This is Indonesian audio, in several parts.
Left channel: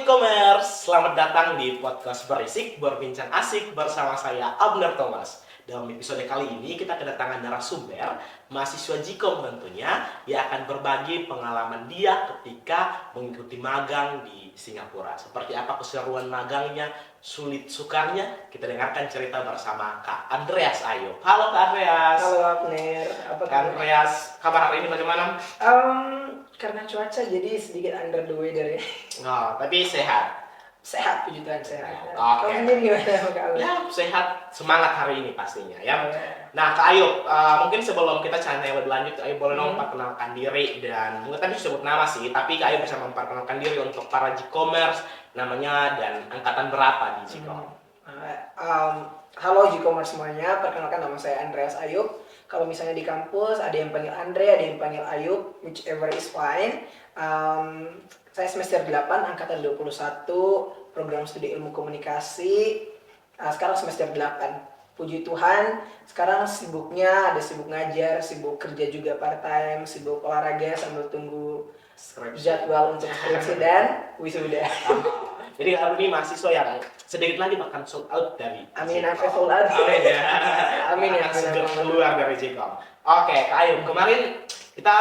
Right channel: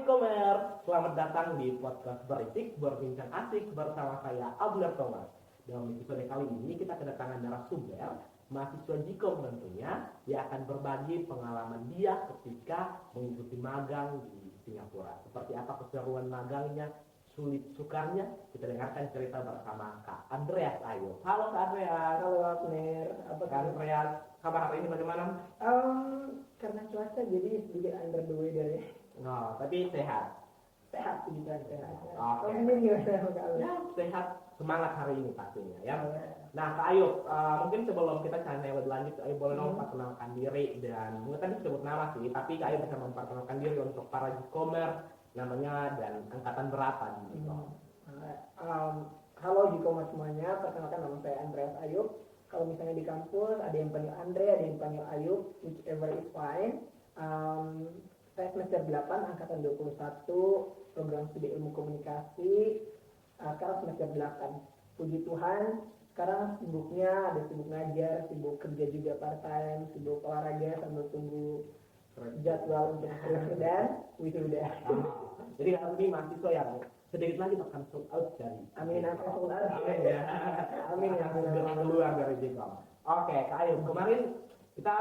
G-commerce, selamat datang di podcast Berisik Berbincang Asik bersama saya Abner Thomas. Dalam episode kali ini kita kedatangan narasumber mahasiswa Gcom tentunya yang akan berbagi pengalaman dia ketika mengikuti magang di Singapura. Seperti apa keseruan magangnya, sulit sukarnya, kita dengarkan cerita bersama Kak Andreas Ayub. Halo Kak Andreas. Halo Abner, apa Kak Andreas, kabar hari ini bagaimana? Karena cuaca jadi sedikit under the weather ya. Oh, tapi sehat. Sehat, puji Tuhan sehat. Oke. Kau sendiri gimana Kak Abner? Ya, sehat, semangat hari ini pastinya ya. Oh, ya. Nah, Kak Ayub, mungkin sebelum kita channel lebih lanjut, Kak Ayub boleh dong memperkenalkan diri dan mungkin tadi sebut nama sih, tapi Kak Ayub bisa memperkenalkan diri untuk para G-commerce, namanya dan angkatan berapa di Gcom. Halo G-commerce semuanya, perkenalkan nama saya Andreas Ayub. Kalau misalnya di kampus ada yang panggil Andre, ada yang panggil Ayub, whichever is fine. Saya semester 8, angkatan 21, program studi ilmu komunikasi. Sekarang semester 8. Puji Tuhan, sekarang sibuknya ada sibuk ngajar, sibuk kerja juga part time, sibuk olahraga sambil tunggu jadwal untuk skripsi dan wisuda. Jadi hari ini mahasiswa yang sedikit lagi bahkan sold out dari Amin, Gcom. sampai sold out. Amin ya. Amin ya. Akan segera keluar dari Gcom. Oke, Kak Ayub, kemarin kita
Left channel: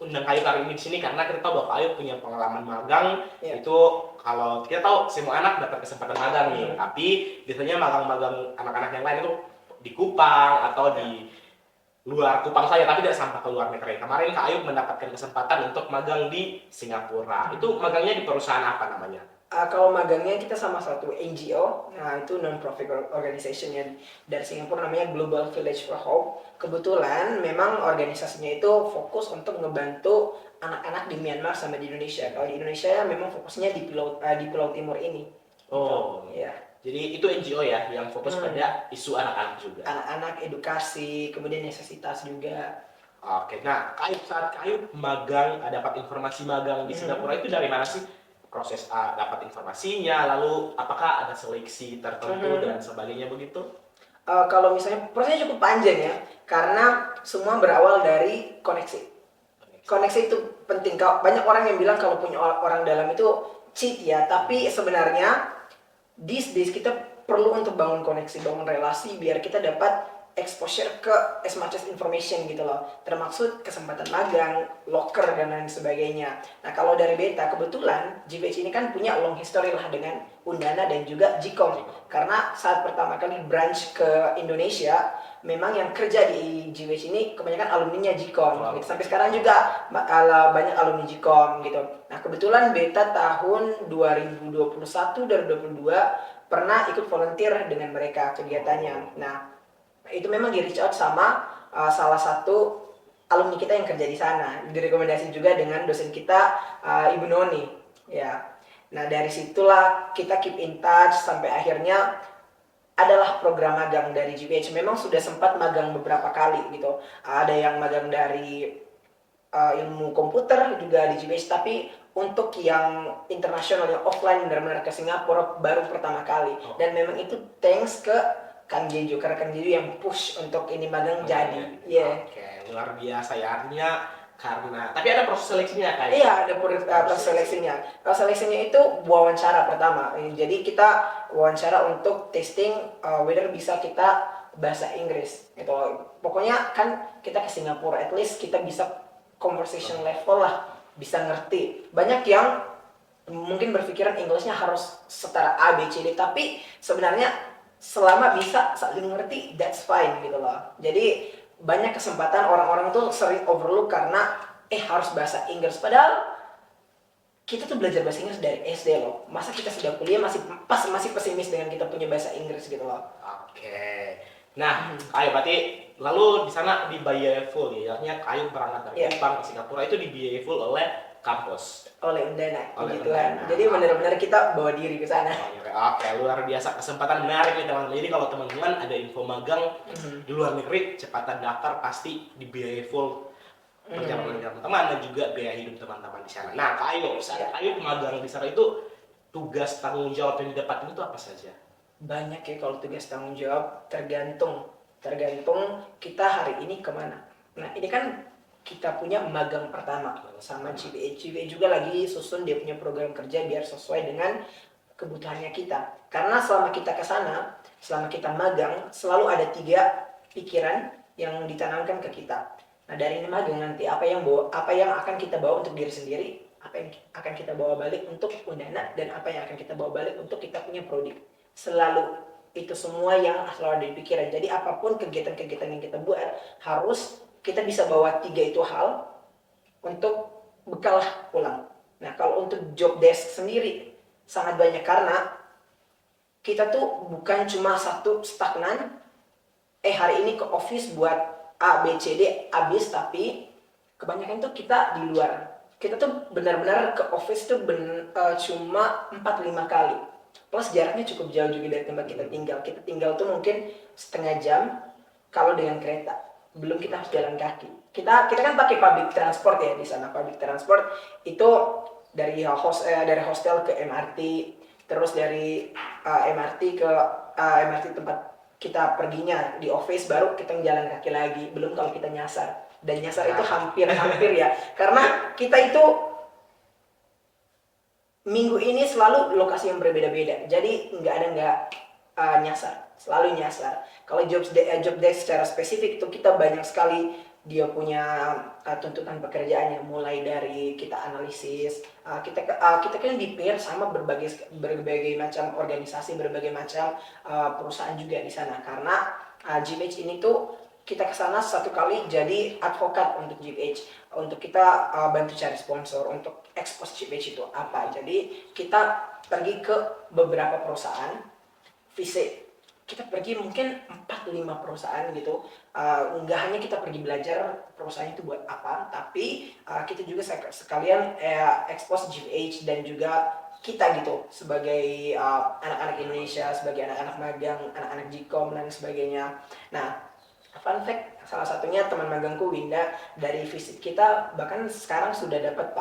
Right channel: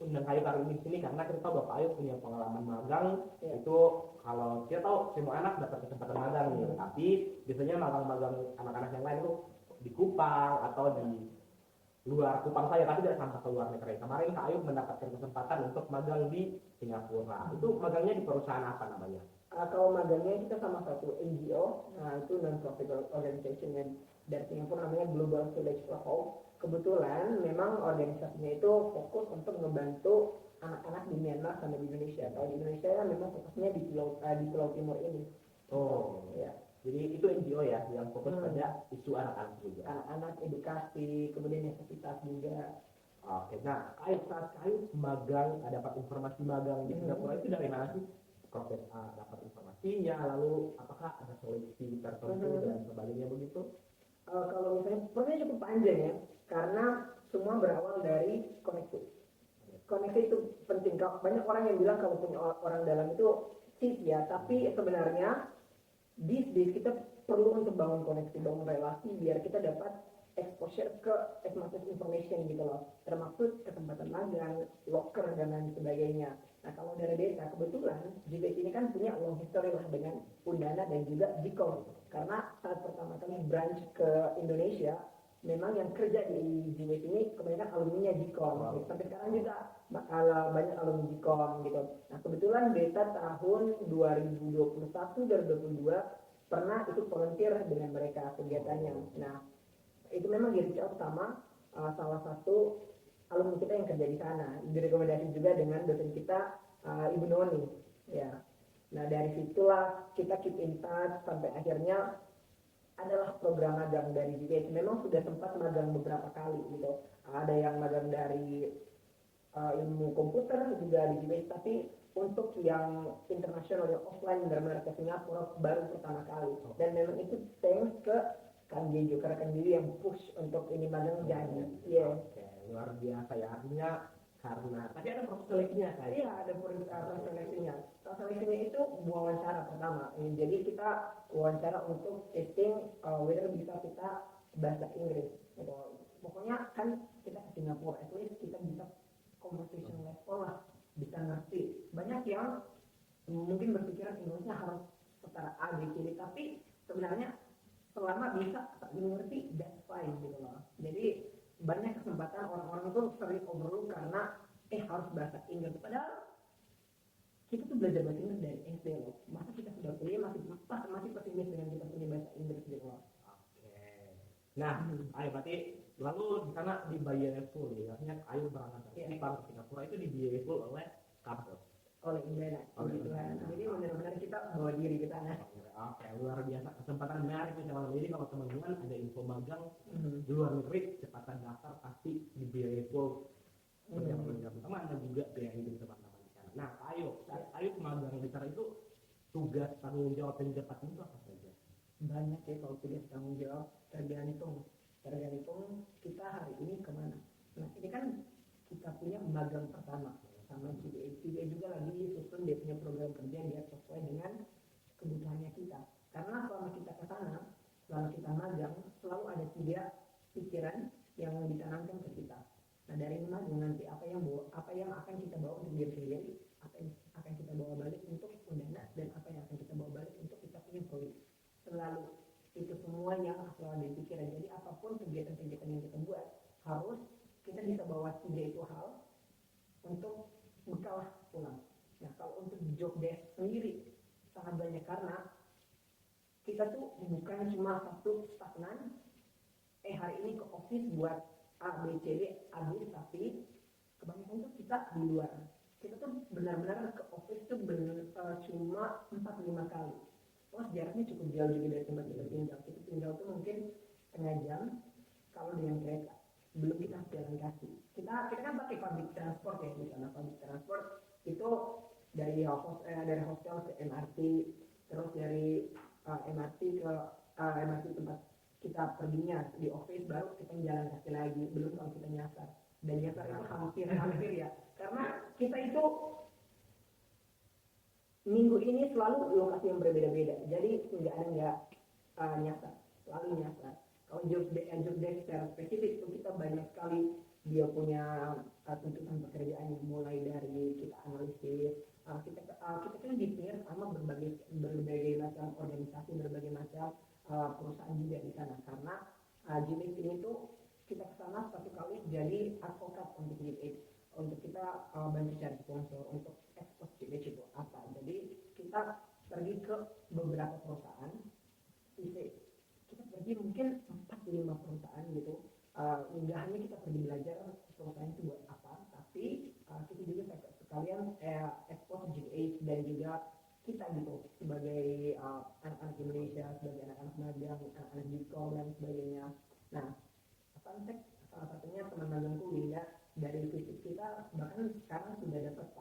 undang Kak Ayub hari ini di sini karena kita tahu bahwa Kak Ayub punya pengalaman magang. Iya. Itu kalau kita tahu semua anak dapat kesempatan magang nih, tapi biasanya magang-magang anak-anak yang lain itu di Kupang atau di luar Kupang saja, tapi tidak sampai ke luar negeri. Kemarin Kak Ayub mendapatkan kesempatan untuk magang di Singapura. Itu magangnya di perusahaan apa namanya? Kalau magangnya kita sama satu NGO, nah itu non-profit organization yang dari Singapura namanya Global Village for Hope. Kebetulan memang organisasinya itu fokus untuk ngebantu anak-anak di Myanmar sama di Indonesia. Kalau di Indonesia memang fokusnya di Pulau Timur ini. Oh, Gitu. Ya. jadi itu NGO ya yang fokus pada isu anak-anak juga. Anak-anak, edukasi, kemudian necesitas juga. Oke, nah saat Kak Ayub magang, dapat informasi magang di Singapura itu dari mana sih? Proses dapat informasinya, lalu apakah ada seleksi tertentu dan sebagainya begitu? Kalau misalnya prosesnya cukup panjang ya, karena semua berawal dari koneksi. Koneksi itu penting. Banyak orang yang bilang kalau punya orang dalam itu cheat ya, tapi sebenarnya these days kita perlu untuk bangun koneksi, bangun relasi biar kita dapat exposure ke as much as information gitu loh, termasuk kesempatan magang, locker dan lain sebagainya. Nah kalau dari Beta kebetulan GVH ini kan punya long history lah dengan Undana dan juga Gcom, karena saat pertama kali branch ke Indonesia memang yang kerja di GVH ini kebanyakan alumninya Gcom gitu. Sampai sekarang juga banyak alumni Gcom gitu. Nah kebetulan Beta tahun 2021-2022 pernah ikut volunteer dengan mereka kegiatannya. Nah itu memang di reach out sama salah satu alumni kita yang kerja di sana, direkomendasi juga dengan dosen kita Ibu Noni ya. Nah dari situlah kita keep in touch sampai akhirnya adalah program magang dari GPH. Memang sudah sempat magang beberapa kali gitu, ada yang magang dari ilmu komputer juga di GPH, tapi untuk yang internasional yang offline benar-benar ke Singapura baru pertama kali. Dan memang itu thanks ke Kang Jeju, karena Kang Jeju yang push untuk ini magang jadi. Yeah. Oke, luar biasa ya, artinya karena tapi ada proses seleksinya kan? Iya, ada proses seleksinya. Proses seleksinya itu wawancara pertama. Jadi kita wawancara untuk testing whether bisa kita bahasa Inggris gitu. Pokoknya kan kita ke Singapura, at least kita bisa conversation level lah, bisa ngerti. Banyak yang mungkin berpikiran Englishnya harus setara A, B, C, D, tapi sebenarnya selama bisa saling ngerti, that's fine gitu loh. Jadi banyak kesempatan orang-orang tuh sering overlook karena harus bahasa Inggris. Padahal kita tuh belajar bahasa Inggris dari SD loh. Masa kita sudah kuliah masih pesimis dengan kita punya bahasa Inggris gitu loh. Oke. Nah, Kayu berarti lalu di sana dibiayai full ya. Artinya Kayu berangkat dari Kupang ke Singapura itu dibiayai full oleh kampus. Oleh Undana, Oleh puji Tuhan. Undana. Jadi benar-benar kita bawa diri ke sana. Oke, luar biasa, kesempatan menarik nih teman-teman. Jadi kalau teman-teman ada info magang di luar negeri, cepatan daftar, pasti dibiayai full perjalanan teman-teman dan juga biaya hidup teman-teman di sana. Nah, Kak Ayu, saat Kak Ayu magang di sana itu tugas tanggung jawab yang didapat itu apa saja? Banyak ya kalau tugas tanggung jawab, tergantung kita hari ini kemana. Nah ini kan kita punya magang pertama sama GBH. GBH juga lagi susun dia punya program kerja biar sesuai dengan kebutuhannya kita. Karena selama kita ke sana, selama kita magang, selalu ada 3 pikiran yang ditanamkan ke kita. Nah, dari ini magang nanti apa yang akan kita bawa untuk diri sendiri, apa yang akan kita bawa balik untuk Undana, dan apa yang akan kita bawa balik untuk kita punya prodi. Selalu itu semua yang selalu ada di pikiran. Jadi apapun kegiatan-kegiatan yang kita buat, harus kita bisa bawa 3 itu hal untuk bekal pulang. Nah, kalau untuk job desk sendiri sangat banyak karena kita tuh bukan cuma satu stagnan, hari ini ke office buat A, B, C, D habis, tapi kebanyakan tuh kita di luar. Kita tuh benar-benar ke office tuh cuma 4-5 kali. Plus jaraknya cukup jauh juga dari tempat kita tinggal. Kita tinggal tuh mungkin setengah jam kalau dengan kereta. Belum kita harus jalan kaki. Kita kan pakai public transport ya di sana. Public transport itu dari hostel ke MRT, terus dari MRT ke MRT tempat kita perginya di office, baru kita jalan kaki lagi. Belum kalau kita nyasar. Dan nyasar itu hampir ya. Karena kita itu minggu ini selalu lokasi yang berbeda-beda. Jadi nggak nyasar. Selalu nyasar. Kalau job desk secara spesifik itu kita banyak sekali dia punya tuntutan pekerjaannya, mulai dari kita analisis, kita kan di pair sama berbagai macam organisasi, berbagai macam perusahaan juga di sana. Karena GBH ini tuh kita kesana 1 kali jadi advokat untuk GBH, untuk kita bantu cari sponsor untuk expose GBH itu apa. Jadi kita pergi ke beberapa perusahaan, visit. Kita pergi mungkin 4-5 perusahaan gitu. Nggak hanya kita pergi belajar perusahaan itu buat apa, tapi kita juga sekalian expose GBH dan juga kita gitu sebagai anak-anak Indonesia, sebagai anak-anak magang, anak-anak Gcom dan sebagainya. Nah, fun fact, salah satunya teman magangku Winda, dari visit kita bahkan sekarang sudah dapat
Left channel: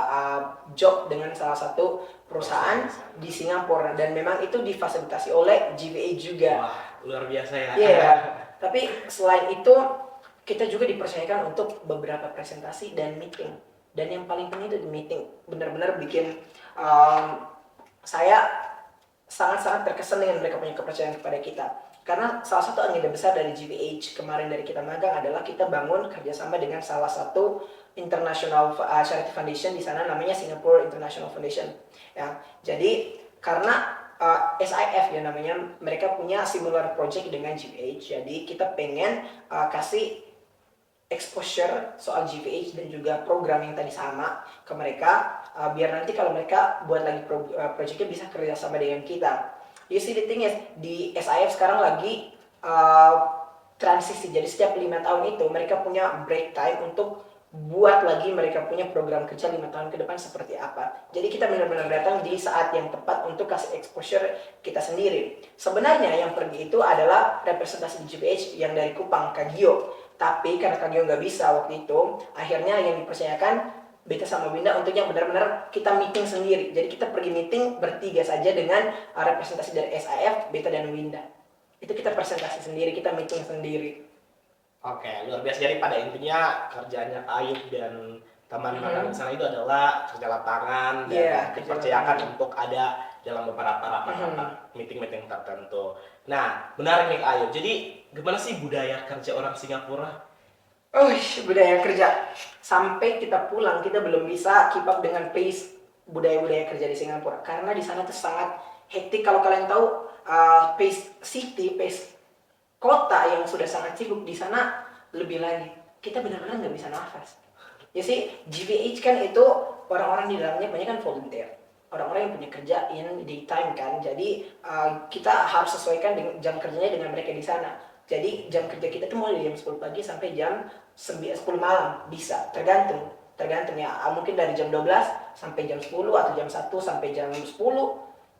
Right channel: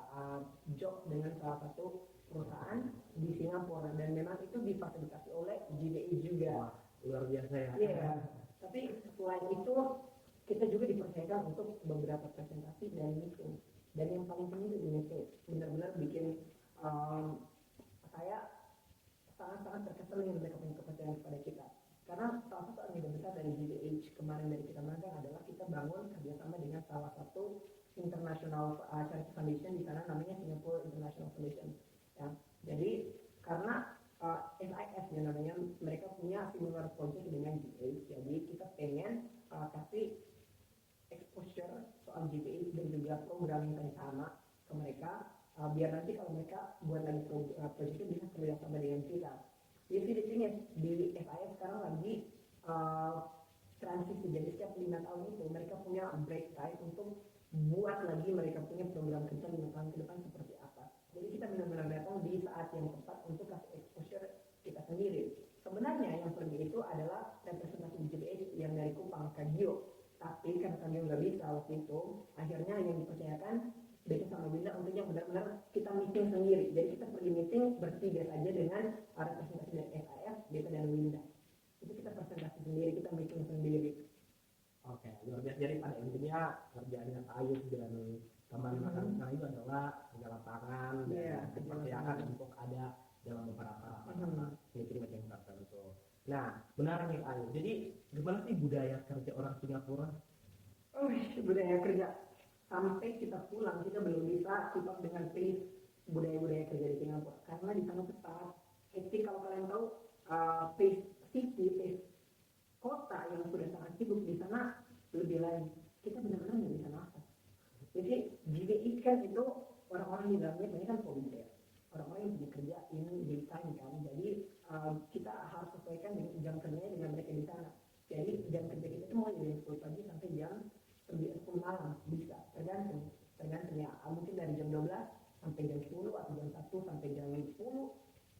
job dengan salah satu perusahaan di Singapura, dan memang itu difasilitasi oleh GBH juga. Wah, luar biasa ya. Iya. Tapi selain itu kita juga dipercayakan untuk beberapa presentasi dan meeting. Dan yang paling penting itu di meeting benar-benar bikin saya sangat-sangat terkesan dengan mereka punya kepercayaan kepada kita. Karena salah satu agenda besar dari GBH kemarin dari kita magang adalah kita bangun kerjasama dengan salah satu international charity foundation di sana, namanya Singapore International Foundation. Ya, jadi karena SIF ya namanya, mereka punya similar project dengan GBH. Jadi kita pengen kasih exposure soal GBH dan juga program yang tadi sama ke mereka, biar nanti kalau mereka buat lagi projectnya bisa kerja sama dengan kita. You see the thing is, di SIF sekarang lagi transisi. Jadi setiap 5 tahun itu mereka punya break time untuk buat lagi mereka punya program kerja 5 tahun ke depan seperti apa. Jadi kita benar-benar datang di saat yang tepat untuk kasih exposure kita sendiri. Sebenarnya yang pergi itu adalah representasi GBH yang dari Kupang, Kagio. Tapi karena Kagio nggak bisa waktu itu, akhirnya yang dipercayakan Beta sama Winda untuk yang benar-benar kita meeting sendiri. Jadi kita pergi meeting bertiga saja dengan representasi dari SIF, Beta dan Winda. Itu kita presentasi sendiri, kita meeting sendiri. Oke, luar biasa. Jadi pada intinya kerjanya Ayub dan teman magang di sana itu adalah kerja lapangan dan dipercayakan untuk ada dalam beberapa rapat meeting-meeting tertentu. Nah, menarik nih Ayub. Jadi gimana sih budaya kerja orang Singapura? Budaya kerja. Sampai kita pulang kita belum bisa keep up dengan pace budaya-budaya kerja di Singapura. Karena di sana tuh sangat hektik. Kalau kalian tahu pace kota yang sudah sangat sibuk, di sana lebih lagi. Kita benar-benar nggak bisa nafas. Ya sih, GBH kan itu orang-orang di dalamnya banyak kan volunteer. Orang-orang yang punya kerja in daytime kan. Jadi kita harus sesuaikan dengan jam kerjanya dengan mereka di sana. Jadi jam kerja kita tuh mulai dari jam 10 pagi sampai jam 10 malam. Bisa, tergantung ya. Mungkin dari jam 12 sampai jam 10 atau jam 1 sampai jam 10.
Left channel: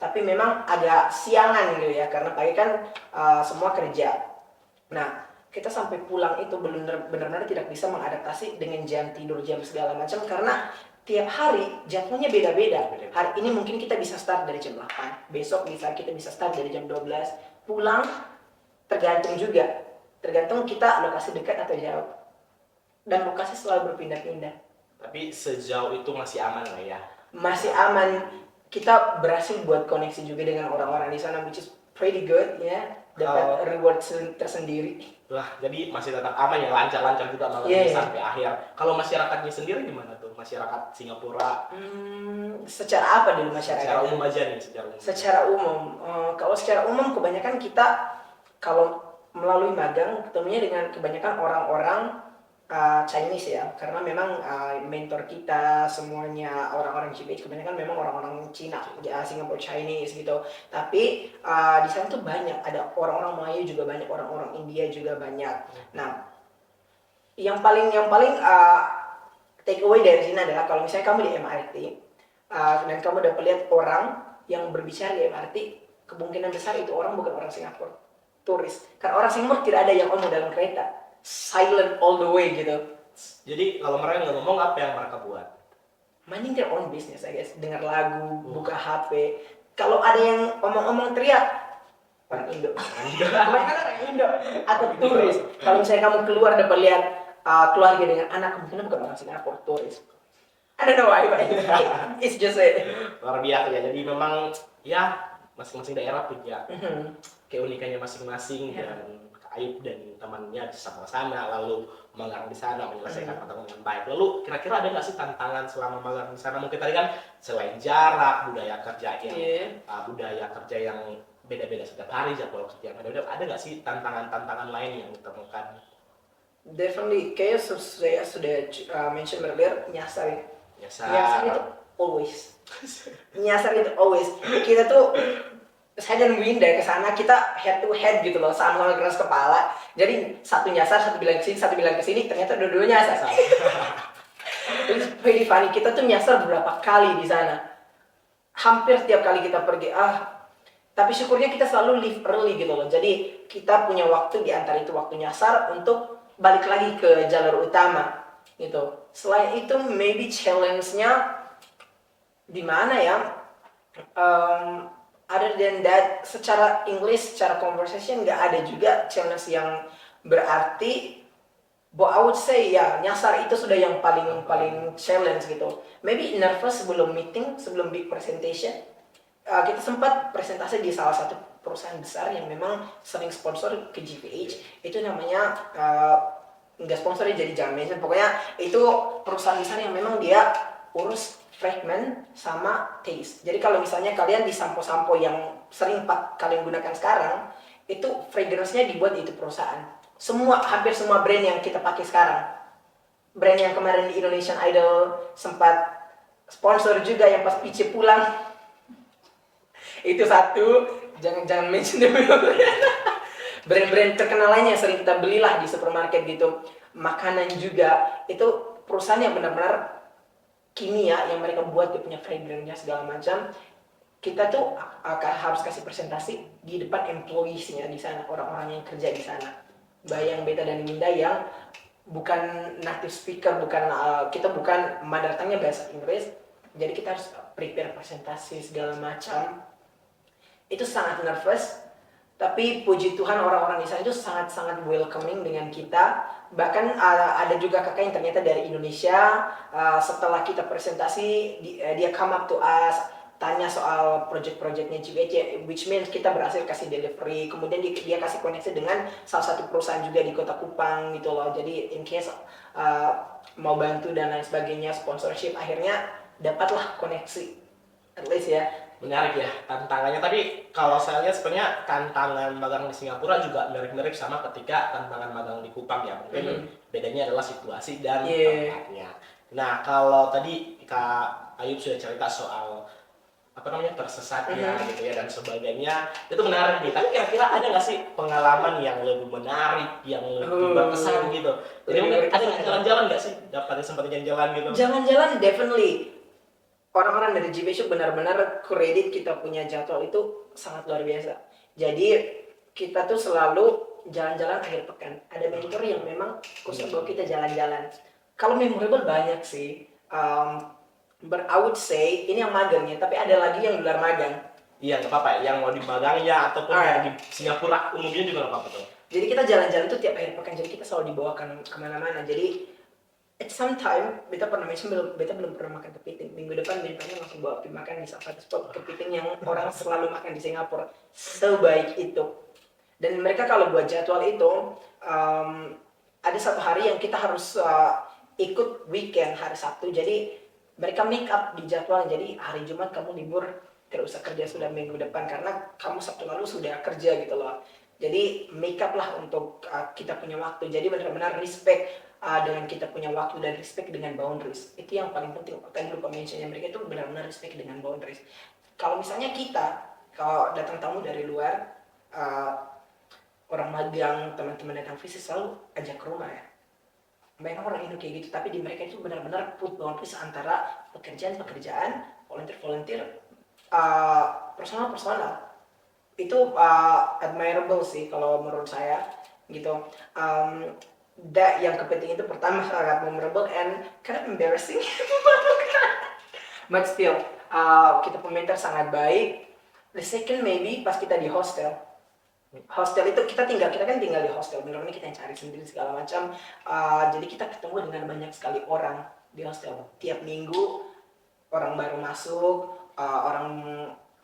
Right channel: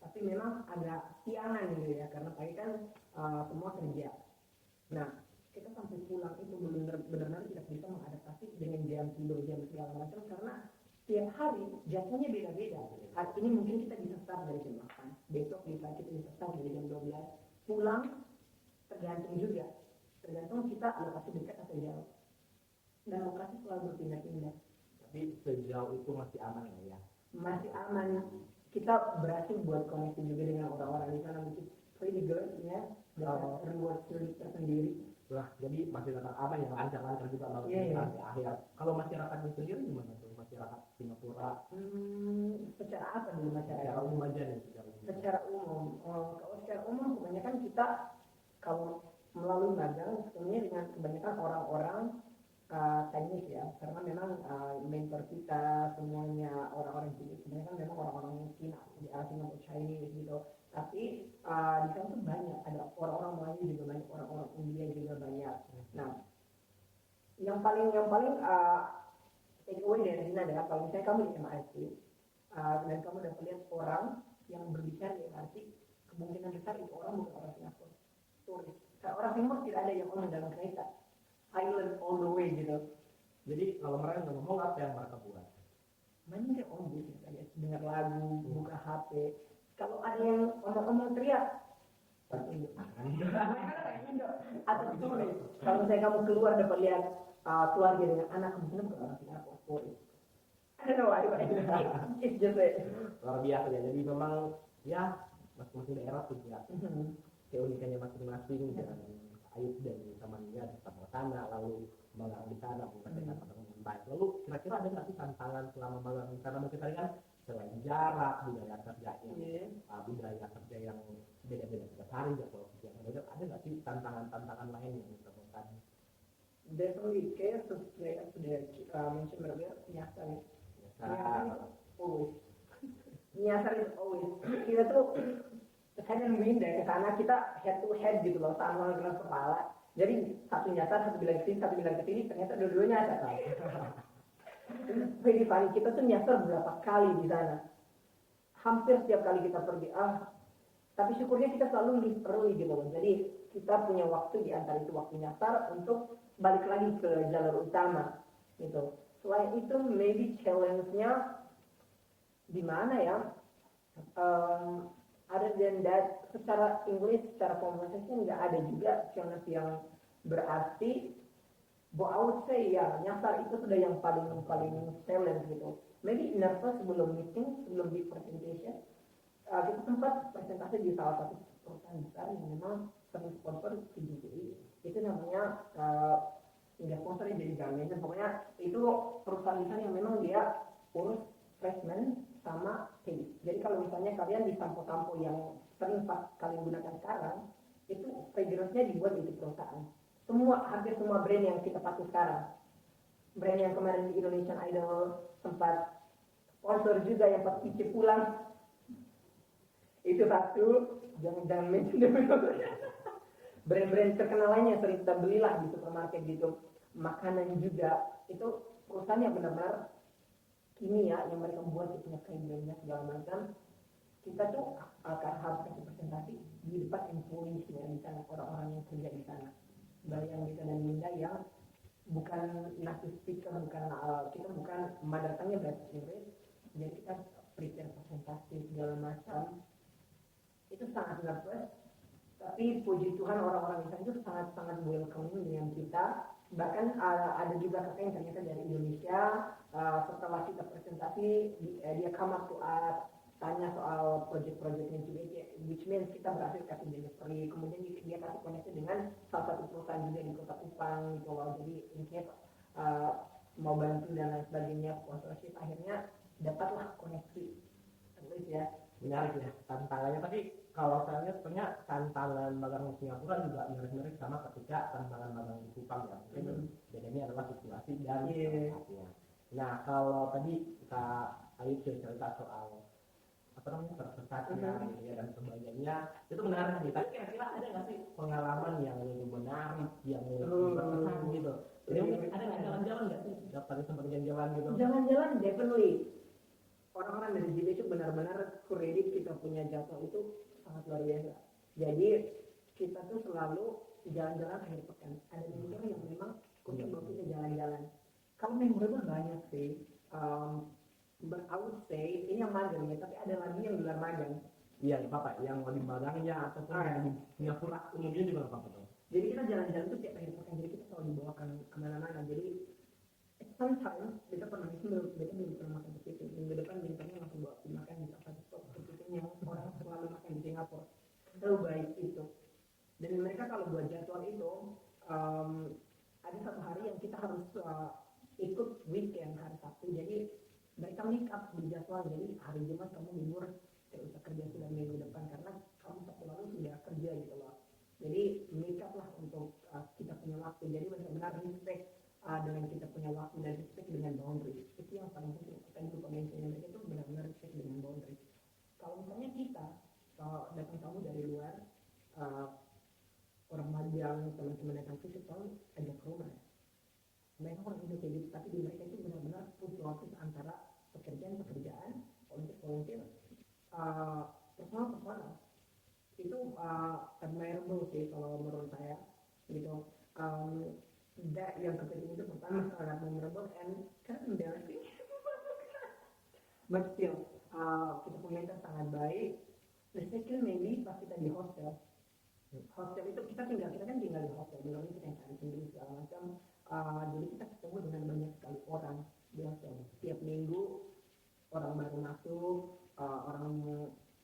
Tapi memang agak siangan gitu ya, karena pagi kan semua kerja. Nah, kita sampai pulang itu benar-benar tidak bisa mengadaptasi dengan jam tidur, jam segala macam, karena tiap hari jadwalnya beda-beda. Hari ini mungkin kita bisa start dari jam 8, besok kita bisa start dari jam 12. Pulang tergantung kita lokasi dekat atau jauh. dan lokasi selalu berpindah-pindah. Tapi sejauh itu masih aman lah ya. Masih aman, kita berhasil buat koneksi juga dengan orang-orang di sana, which is pretty good ya, dapat reward tersendiri. Lah, jadi masih tetap aman ya, lancar-lancar juga malamnya sampai akhir. Kalau masyarakatnya sendiri gimana tuh? Masyarakat Singapura? Secara apa dulu masyarakat? Secara umum aja nih, secara umum. Secara umum, kalau secara umum kebanyakan kita kalau melalui magang ketemunya dengan kebanyakan orang-orang Chinese ya, karena memang mentor kita semuanya orang-orang GBH, kebanyakan memang orang-orang Cina, ya, Singapore Chinese gitu. Tapi di sana tuh banyak, ada orang-orang Melayu juga banyak, orang-orang India juga banyak. Nah, yang paling take away dari sini adalah kalau misalnya kamu di MRT dan kamu dapat lihat orang yang berbicara di MRT, kemungkinan besar itu orang bukan orang Singapura, turis. Karena orang Singapura tidak ada yang ngomong dalam kereta, silent all the way gitu. Jadi kalau mereka nggak ngomong, apa yang mereka buat? Minding their own business, I guess. Dengar lagu, buka HP. Kalau ada yang omong-omong teriak, orang Indo. Kebanyakan orang Indo atau turis. Kalau misalnya kamu keluar dapat lihat keluarga dengan anak, kemungkinan bukan orang Singapura, turis. I don't know why, but it's just it. Luar biasa ya. Jadi memang ya masing-masing daerah punya keunikannya masing-masing dan Ayub dan temannya bisa ke sana, lalu magang di sana menyelesaikan tantangan dengan baik. Lalu kira-kira ada nggak sih tantangan selama magang di sana? Mungkin tadi kan selain jarak, budaya kerja yang beda-beda setiap hari, jadwal kerja yang beda-beda, ada nggak sih tantangan-tantangan lain yang ditemukan? Definitely, kayak saya sudah mention earlier, nyasar itu always. Nyasar itu always. Kita tuh, saya dan Winda ke sana, kita head to head gitu loh, sama-sama keras kepala. Jadi satu nyasar, satu bilang ke sini, satu bilang ke sini, ternyata dua-duanya nyasar. It's pretty funny. Kita tuh nyasar berapa kali di sana. Hampir tiap kali kita pergi, tapi syukurnya kita selalu leave early gitu loh. Jadi kita punya waktu di antara itu waktu nyasar untuk balik lagi ke jalur utama gitu. Selain itu, maybe challenge-nya di mana ya? Other than that, secara English, secara conversation nggak ada juga challenge yang berarti. But I would say ya, nyasar itu sudah yang paling challenge gitu. Maybe nervous sebelum meeting, sebelum big presentation. Kita sempat presentasi di salah satu perusahaan besar yang memang sering sponsor ke GPH. Itu namanya nggak sponsornya, jadi jangan mention. Pokoknya itu perusahaan besar yang memang dia urus fragment sama taste. Jadi kalau misalnya kalian di sampo-sampo yang sering kalian gunakan sekarang, itu fragrance-nya dibuat di itu perusahaan. Hampir semua brand yang kita pakai sekarang, brand yang kemarin di Indonesian Idol sempat sponsor juga yang pas Pice pulang, itu satu. Jangan mention dulu. Brand-brand terkenal lainnya yang sering kita belilah di supermarket gitu. Makanan juga, itu perusahaan yang benar-benar kimia yang mereka buat, dia punya fragrance-nya segala macam. Kita tuh harus kasih presentasi di depan employees-nya di sana, orang-orang yang kerja di sana. Bayang Beta dan Winda yang bukan native speaker, kita bukan mother tongue-nya bahasa Inggris, jadi kita harus prepare presentasi segala macam. Itu sangat nervous, tapi puji Tuhan orang-orang di sana itu sangat-sangat welcoming dengan kita. Bahkan ada juga kakak yang ternyata dari Indonesia, setelah kita presentasi dia come up to us, tanya soal project-projectnya GBC, which means kita berhasil kasih delivery. Kemudian dia kasih koneksi dengan salah satu perusahaan juga di Kota Kupang gitu loh. Jadi in case mau bantu dan lain sebagainya, sponsorship, akhirnya dapatlah koneksi, at least ya. Menarik ya tantangannya. Tapi kalau saya lihat sebenarnya tantangan magang di Singapura juga mirip-mirip sama ketika tantangan magang di Kupang ya. Mungkin bedanya adalah situasi dan tempatnya. Nah, kalau tadi Kak Ayub sudah cerita soal tersesatnya gitu ya dan sebagainya, itu menarik nih. Tapi kira-kira ada nggak sih pengalaman yang lebih menarik, yang lebih berkesan gitu? Jadi mungkin ada jalan-jalan nggak sih? Dapat sempat jalan-jalan gitu? Jalan-jalan definitely. Orang-orang dari GBH benar-benar kredit kita punya jadwal itu sangat luar biasa. Jadi kita tuh selalu jalan-jalan akhir pekan. Ada mentor yang memang khusus bawa kita jalan-jalan. Kalau memorable banyak sih. But I would say ini yang magangnya, tapi ada lagi yang di luar magang. Iya, nggak apa-apa. Yang mau di magang ya ataupun yang di Singapura umumnya juga nggak apa-apa tuh. Jadi kita jalan-jalan tuh tiap akhir pekan. Jadi kita selalu dibawakan kemana-mana. Jadi sometime beta pernah mention beta belum pernah makan kepiting. Minggu depan bintangnya langsung bawa pergi makan di salah satu spot kepiting yang orang selalu makan di Singapura. Sebaik itu. Dan mereka kalau buat jadwal itu ada satu hari yang kita harus ikut weekend hari Sabtu. Jadi mereka make up di jadwal. Jadi hari Jumat kamu libur, tidak usah kerja sudah minggu depan karena kamu Sabtu lalu sudah kerja gitu loh. Jadi make up lah untuk kita punya waktu. Jadi benar-benar respect dengan kita punya waktu dan respect dengan boundaries. Itu yang paling penting. Tadi lupa mentionnya, mereka itu benar-benar respect dengan boundaries. Kalau misalnya kita, kalau datang tamu dari luar, orang magang, teman-teman datang visit selalu ajak ke rumah ya. Banyak orang Indo kayak gitu, tapi di mereka itu benar-benar put boundaries antara pekerjaan-pekerjaan, volunteer-volunteer, personal-personal. Itu admirable sih kalau menurut saya gitu. Yang kepenting itu pertama sangat memorable and kind of embarrassing. But still, kita pemerintah sangat baik. The second maybe pas kita di hostel. Hostel itu kita kan tinggal di hostel, benar-benar kita yang cari sendiri segala macam. Jadi kita ketemu dengan banyak sekali orang di hostel. Tiap minggu orang baru masuk, orang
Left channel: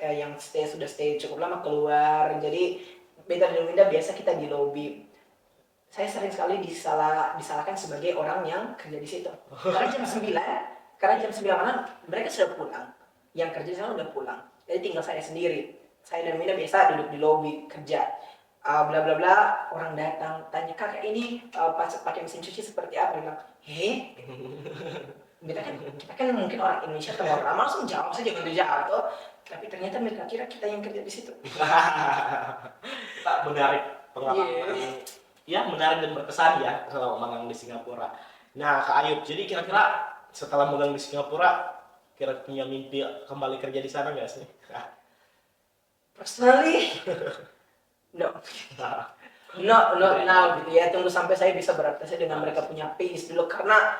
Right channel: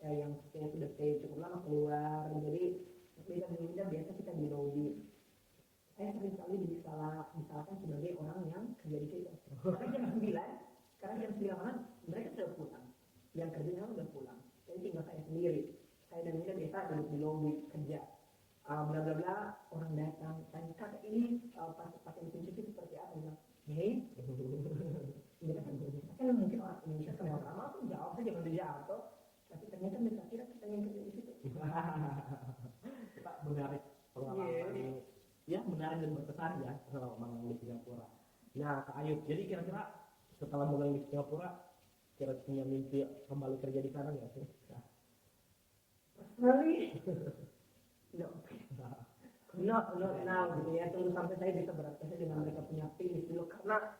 yang sudah stay cukup lama keluar. Jadi beta dan Winda biasa kita di lobby. Saya sering sekali disalahkan sebagai orang yang kerja di situ. Karena jam 9 malam mereka sudah pulang. Yang kerja di sana udah pulang. Jadi tinggal saya sendiri. Saya dan Winda biasa duduk di lobby kerja. Bla bla bla, orang datang tanya, kakak ini pakai mesin cuci seperti apa? Dia bilang, kita kan mungkin orang Indonesia terlalu ramah, langsung jawab saja gitu jatuh. Tapi ternyata mereka kira kita yang kerja di situ. Pak, menarik pengalaman. Ya, menarik dan berkesan ya selama magang di Singapura. Nah, Kak Ayub, jadi kira-kira setelah magang di Singapura, kira punya mimpi kembali kerja di sana nggak sih? Personally, no, not now gitu ya. Tunggu sampai saya bisa beradaptasi dengan mereka punya pace dulu, karena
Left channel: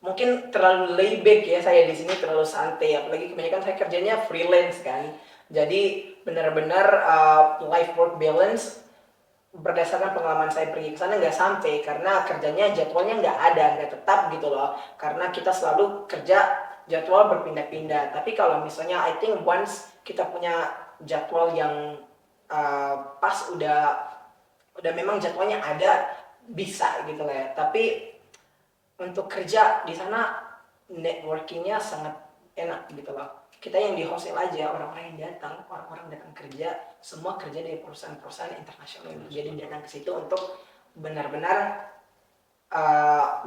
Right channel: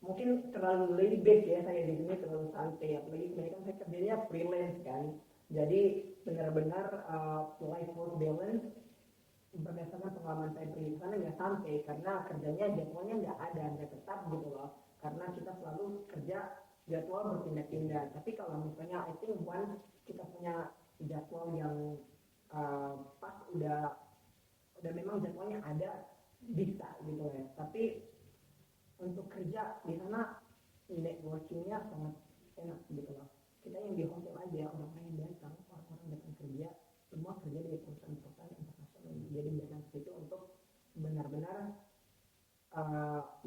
mungkin terlalu layback ya saya di sini, terlalu santai. Apalagi kebanyakan saya kerjanya freelance kan. Jadi benar-benar life work balance berdasarkan pengalaman saya pergi ke sana nggak sampai, karena kerjanya jadwalnya nggak tetap gitu loh, karena kita selalu kerja jadwal berpindah-pindah. Tapi kalau misalnya I think once kita punya jadwal yang pas, udah memang jadwalnya ada, bisa gitu lah ya. Tapi untuk kerja di sana networkingnya sangat enak gitu loh. Kita yang di hostel aja, orang-orang yang datang kerja, semua kerja dari perusahaan-perusahaan internasional. Jadi datang ke situ untuk benar-benar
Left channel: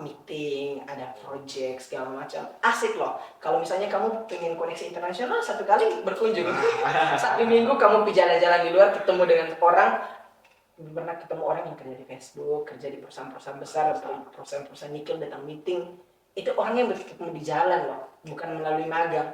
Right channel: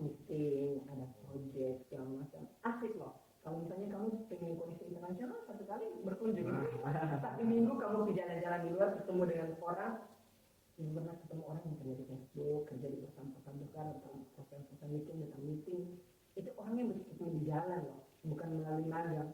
meeting, ada project segala macam. Asik loh. Kalau misalnya kamu pengen koneksi internasional, satu kali berkunjung. Satu minggu kamu pergi jalan-jalan di luar, ketemu dengan orang. Pernah ketemu orang yang kerja di Facebook, kerja di perusahaan-perusahaan besar, perusahaan-perusahaan nikel, datang meeting. Itu orang yang bertemu di jalan loh, bukan melalui magang.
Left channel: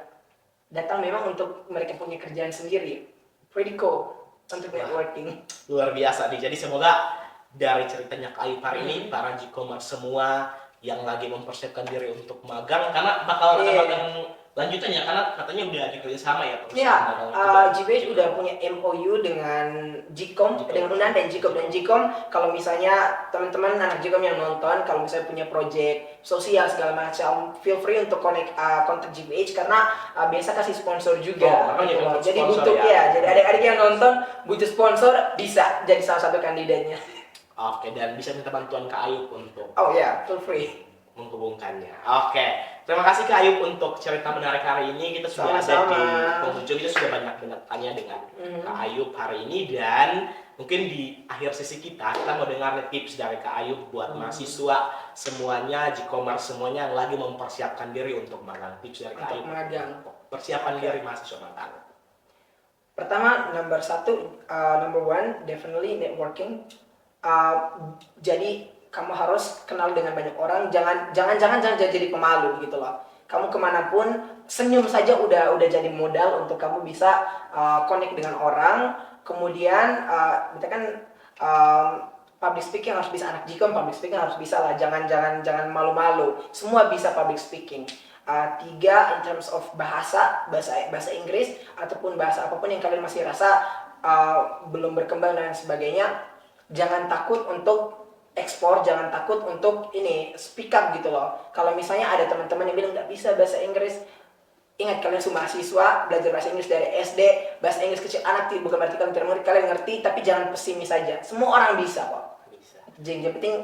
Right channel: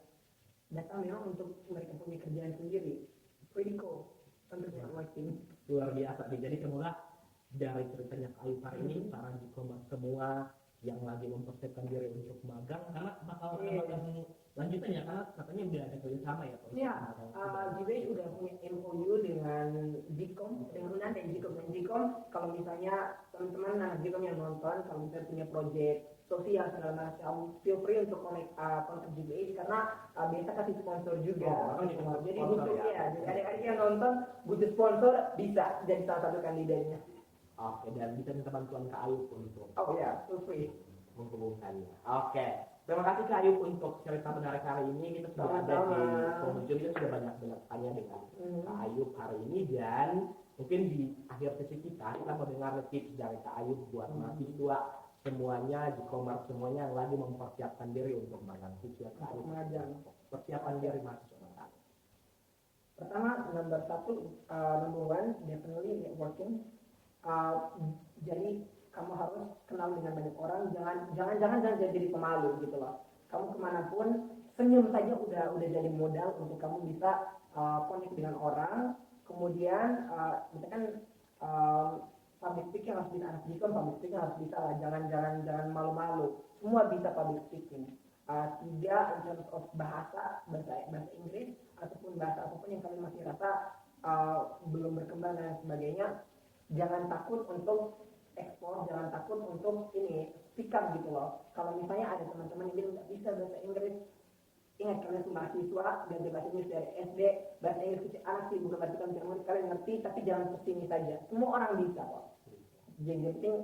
Datang memang untuk mereka punya kerjaan sendiri. Pretty cool untuk networking. Luar biasa nih. Jadi semoga dari ceritanya Kak Ayub hari ini, para G-commerce semua yang lagi mempersiapkan diri untuk magang, karena bakal ada magang lanjutannya, karena katanya udah ada kerjasama ya. Iya, GBH udah punya MOU dengan Gcom, dengan Unan dan Gcom. Kalau misalnya teman-teman anak Gcom yang nonton, kalau misalnya punya project sosial segala macam, feel free untuk kontak GBH, karena biasa kasih sponsor juga. Jadi butuh ya. Jadi adik-adik yang nonton butuh sponsor, bisa jadi salah satu kandidatnya. Oke, dan bisa minta bantuan Kak Ayub untuk feel free menghubungkannya. Oke, terima kasih Kak Ayub untuk cerita menarik hari ini. Kita sudah ada di penghujung, kita sudah banyak tanya dengan Kak Ayub hari ini, dan mungkin di akhir sesi kita mau dengar tips dari Kak Ayub buat mahasiswa semuanya, G-commerce semuanya yang lagi mempersiapkan diri untuk magang. Tips dari Kak Ayub untuk persiapan diri mahasiswa magang. Pertama, number one, definitely networking. Jadi kamu harus kenal dengan banyak orang, jangan jadi pemalu gitu loh. Kamu kemanapun senyum saja udah jadi modal untuk kamu bisa connect dengan orang. Kemudian kita kan public speaking harus bisa, anak Gcom public speaking harus bisa lah, jangan malu-malu, semua bisa public speaking. 3, in terms of bahasa Inggris ataupun bahasa apapun yang kalian masih rasa belum berkembang dan sebagainya, jangan takut untuk ekspor, jangan takut untuk ini speak up gitu loh. Kalau misalnya ada teman-teman yang bilang nggak bisa bahasa Inggris, ingat kalian semua mahasiswa belajar bahasa Inggris dari SD, bahasa Inggris kecil anak bukan berarti kalian tidak mengerti, kalian ngerti, tapi jangan pesimis saja. Semua orang bisa kok. Bisa. Yang penting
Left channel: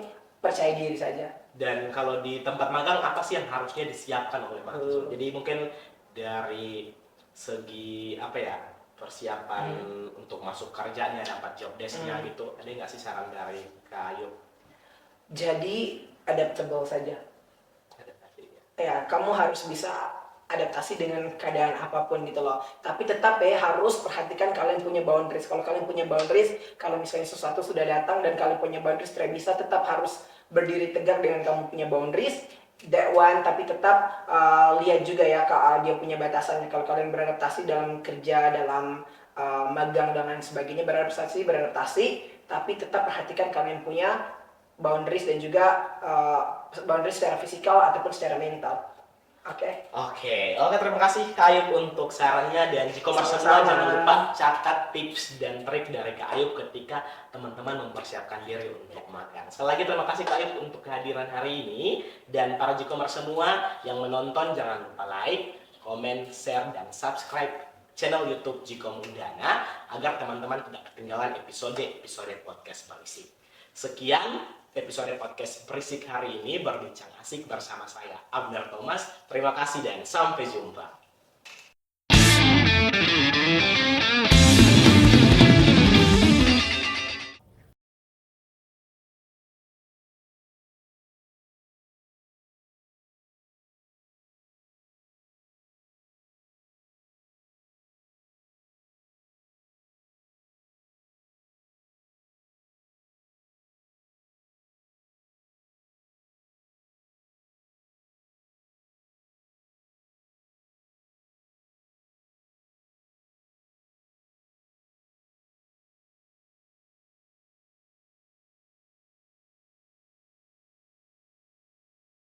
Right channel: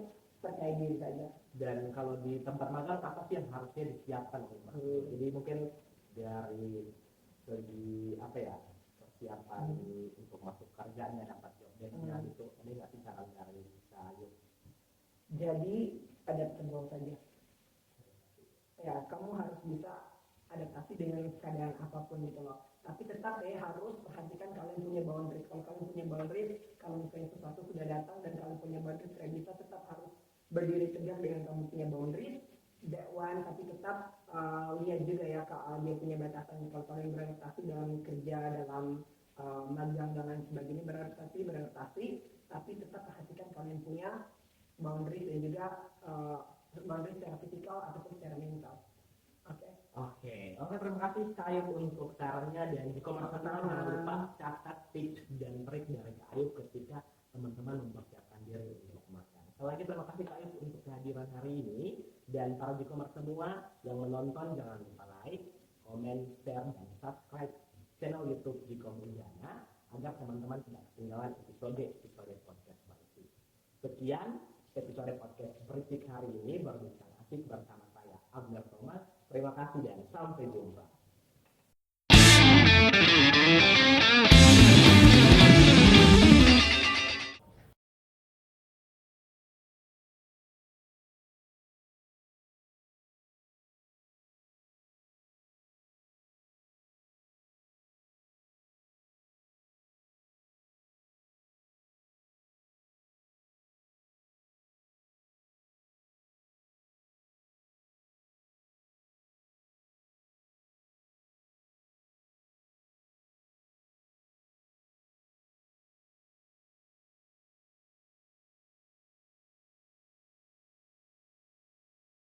percaya diri saja. Dan kalau di tempat magang apa sih yang harusnya disiapkan oleh mahasiswa? Jadi mungkin dari segi apa ya, persiapan untuk masuk kerjanya, dapat job desk-nya gitu, ada nggak sih saran dari Kak Ayub? Jadi adaptable saja. Adaptasi ya. Ya, kamu harus bisa adaptasi dengan keadaan apapun gitu loh. Tapi tetap ya harus perhatikan kalian punya boundaries. Kalau kalian punya boundaries, kalau misalnya sesuatu sudah datang dan kalian punya boundaries tidak bisa, tetap harus berdiri tegak dengan kamu punya boundaries. That one, tapi tetap lihat juga ya dia punya batasannya. Kalau kalian beradaptasi dalam kerja, dalam magang dan lain sebagainya, beradaptasi, tapi tetap perhatikan kalian punya boundaries dan juga boundaries secara fisikal ataupun secara mental. Oke. Oke, terima kasih Kak Ayub untuk sarannya, dan jika semua Sama-sama. jangan lupa catat tips dan trik dari Kak Ayub ketika teman-teman mempersiapkan diri untuk magang. Sekali lagi terima kasih Kak Ayub untuk kehadiran hari ini, dan para Jikomers semua yang menonton jangan lupa like, komen, share, dan subscribe channel YouTube Jikom Undana agar teman-teman tidak ketinggalan episode podcast Berisik. Sekian episode podcast Berisik hari ini, berbincang asik bersama saya Abner Thomas. Terima kasih dan sampai jumpa.